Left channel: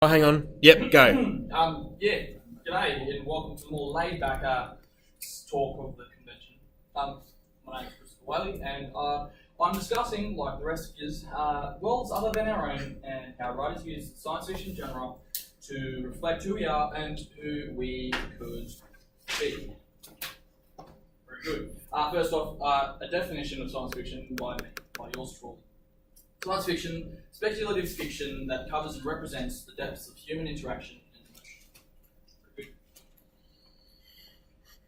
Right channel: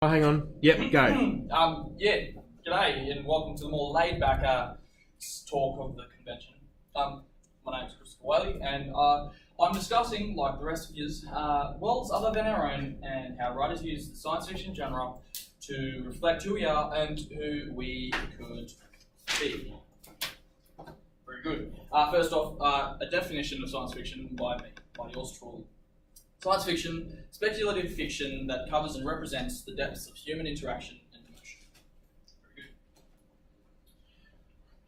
Oh, hang on. Yep, go. Yeah, g'day and welcome to the more laid-back talk of the convention. My name is Christopher Whaley and I'm discussing, like the rest of you, worlds other than our own and how writers use the science fiction genre to reflect who we are and who we could be. Very good. First off, a definition of science fiction by me, by yours truly. Science fiction, speculative fiction that covers and represents the depths of human interaction and emotion. Very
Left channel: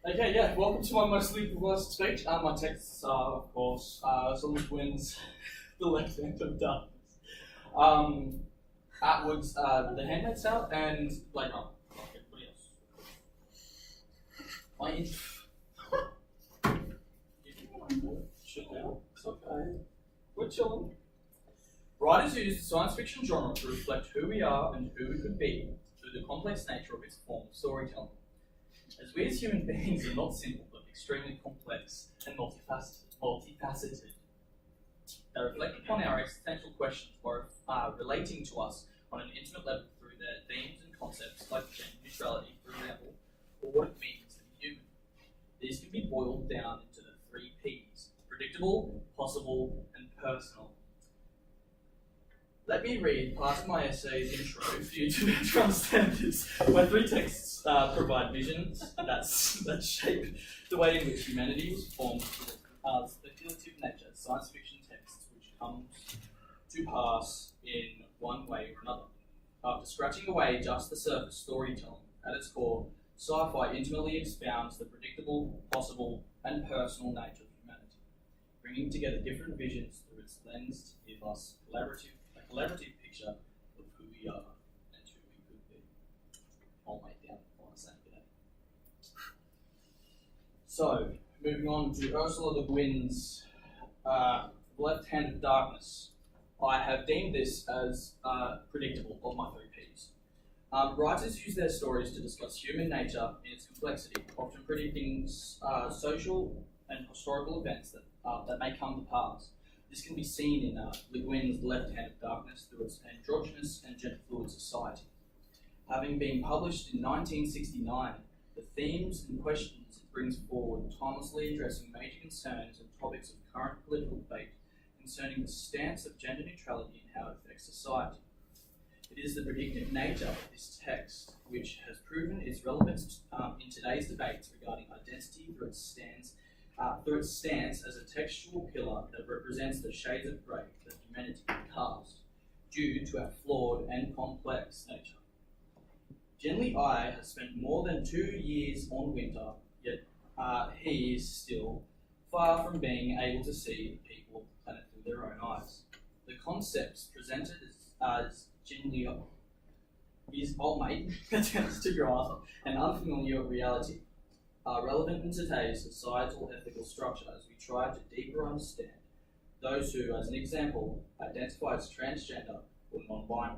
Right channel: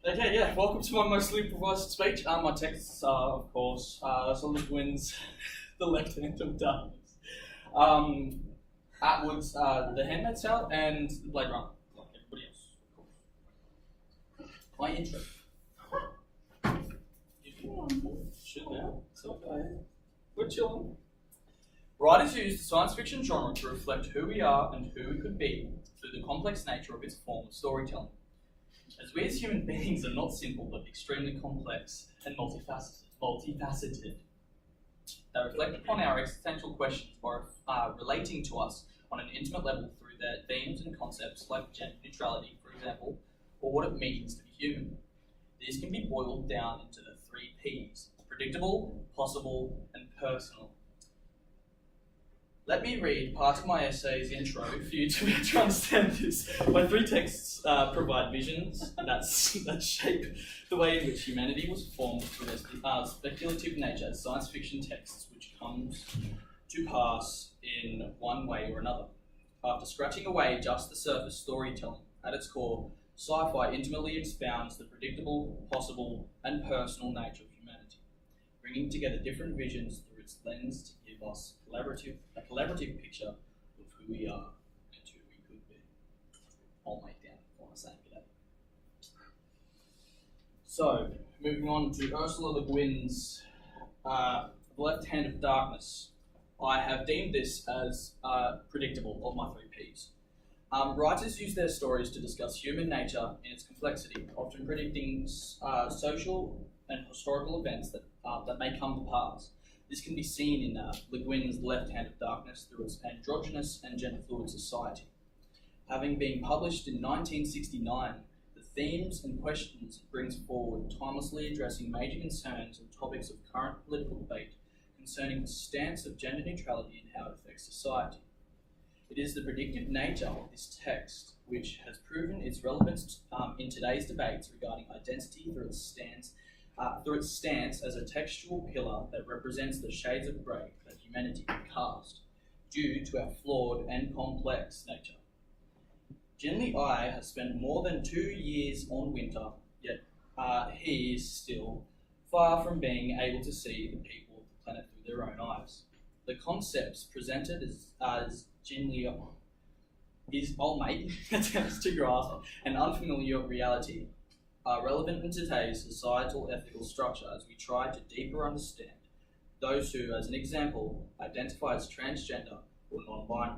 good. Okay, yeah, welcome to my mostly improvised speech. My texts are, of course, Solid Winds, The Left Hand of Darkness, Atwood's The Handmaid's Tale, and Blade Runner, like everybody else. My intro. Should now, it's okay. We're chilling. Writers use the science fiction genre to reflect who we are and who we could be through the complex nature of its form of storytelling. As we as human beings are not simple but extremely complex and multifaceted, they reflect upon our existential questions by relating to us on an intimate level through their themes and concepts like gender neutrality, for example, or what it means to be human. These can be boiled down into the 3 Ps: predictable, possible, and personal. Let me read part of my essay's intro for you to be able to understand this. My 3 texts provide visions that shape the way in which humanity was formed through their speculative nature as science fiction texts, which comes to pass in one way or another. After scratching away just the surface storytelling, at its core, sci-fi intimately expounds the predictable, possible, and personal nature of humanity, bringing together different visions through its lens to give us a collaborative picture of who we are and who we could be. I'll make down what I'm saying today. So, moving on to Ursula Le Guin's The Left Hand of Darkness. I have deemed this as predictable of my 3 Ps. Writers use their stories to discuss human nature in its complexity, often predicting social and historical events that may come to pass. This can be seen in Le Guin's Left Hand of Darkness through its androgynous and gender-fluid society. Having been published in 1969, the themes and questions it brings forward timelessly addressing major concerns and topics of current political debate concerning the stance of gender neutrality and how it affects society. It is the predictive nature of this text which has proven its relevance in today's debates regarding identity through its stance as a textual pillar that represents the shades of grey that humanity can cast, due to our flawed and complex nature. Generally, I has spent more than 2 years on Winter, yet he is still far from being able to see the people of the planet through their own eyes. The concepts presented as Generally is old mate attempts to grasp an unfamiliar reality are relevant in today's societal ethical structure as we try to deeper understand those who, as an example, identify as transgender or non-binary.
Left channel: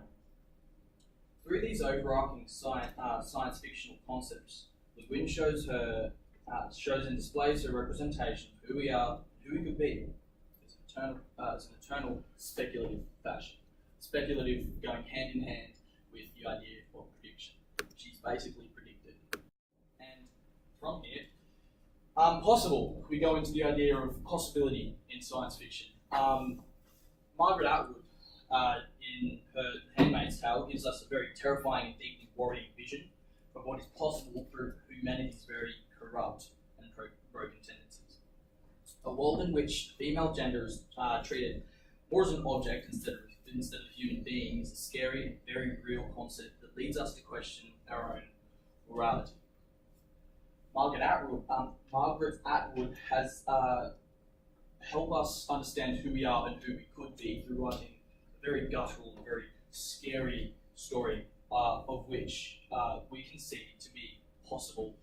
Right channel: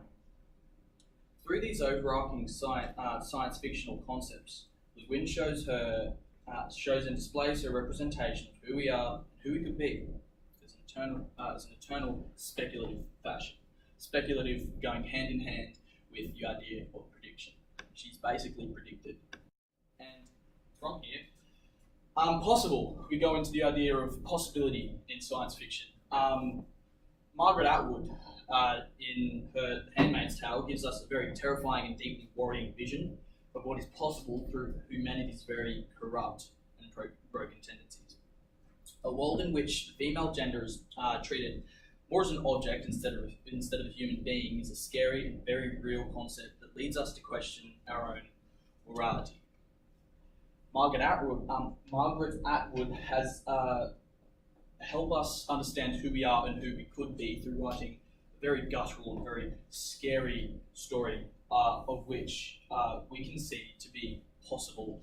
Through these overarching science fictional concepts, Le Guin shows and displays her representation of who we are and who we could be as an eternal speculative fashion. Speculative going hand in hand with the idea of prediction. She's basically predicted. And from here, possible, we go into the idea of possibility in science fiction. Margaret Atwood, in her Handmaid's Tale, gives us a very terrifying and deeply worrying vision of what is possible through humanity's very corrupt and broken tendencies. A world in which female gender is treated more as an object instead of a human being is a scary and very real concept that leads us to question our own morality. Margaret Atwood has helped us understand who we are and who we could be through writing a very guttural and very scary story of which we can see to be possible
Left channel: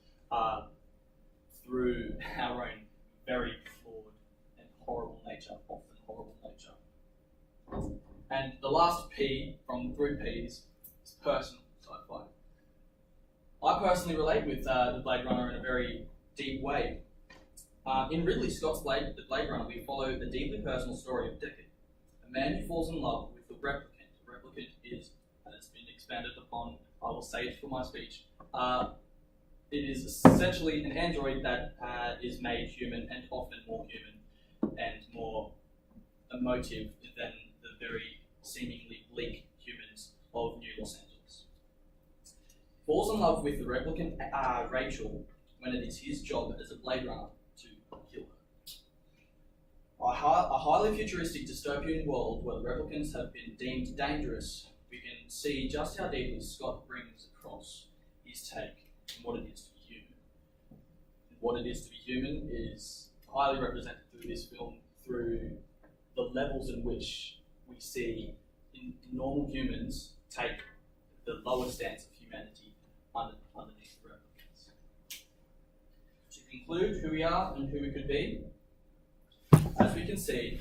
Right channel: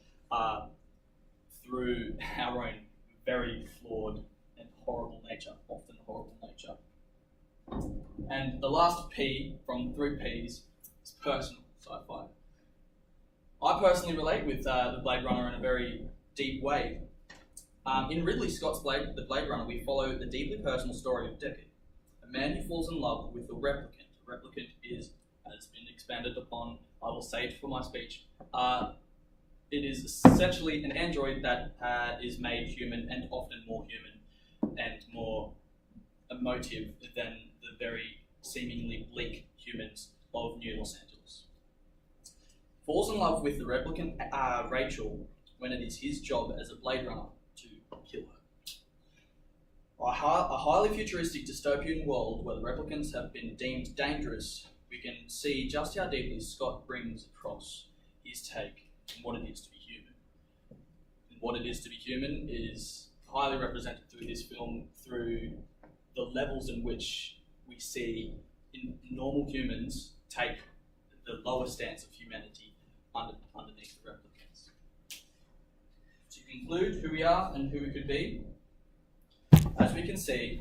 through our own very flawed and horrible nature, often horrible nature. And the last P from the 3 Ps is personal sci-fi. I personally relate with the Blade Runner in a very deep way. In Ridley Scott's The Blade Runner, we follow the deeply personal story of Deckard, a man who falls in love with a replicant. A replicant is, as has been expanded upon, I will say it for my speech. It is essentially an android that is made human and often more human and more emotive than the very seemingly bleak humans of New Los Angeles. Falls in love with the replicant Rachel when it is his job as a Blade Runner to kill her. A highly futuristic dystopian world where the replicants have been deemed dangerous, we can see just how deeply Scott brings across his take on what it is to be human. And what it is to be human is highly represented through this film through the levels in which we see normal humans take the lower stance of humanity underneath the replicants. To conclude who we are and who we could be, as we can see,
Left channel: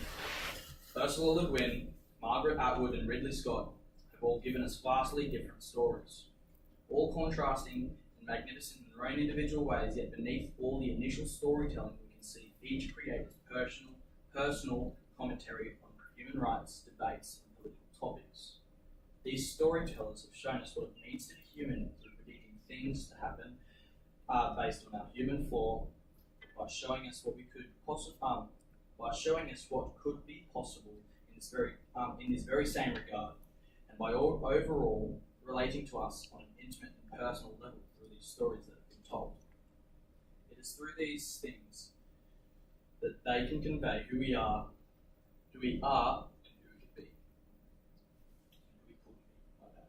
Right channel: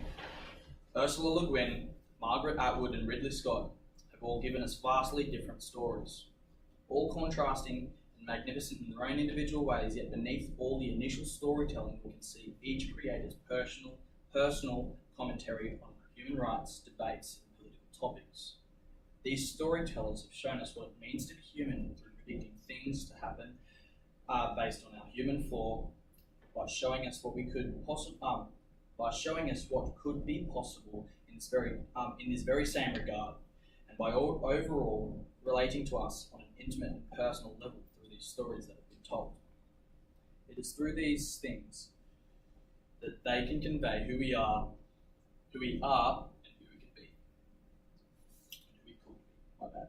Ursula Le Guin, Margaret Atwood and Ridley Scott have all given us vastly different stories, all contrasting and magnificent in their own individual ways, yet beneath all the initial storytelling we can see each creator's personal commentary on human rights, debates and political topics. These storytellers have shown us what it means to be human through predicting things to happen based on our human flaw, by showing us what could be possible in this very same regard, and by overall relating to us on an intimate and personal level through these stories that have been told. It is through these things that they can convey who we are, and who we could be. My bad.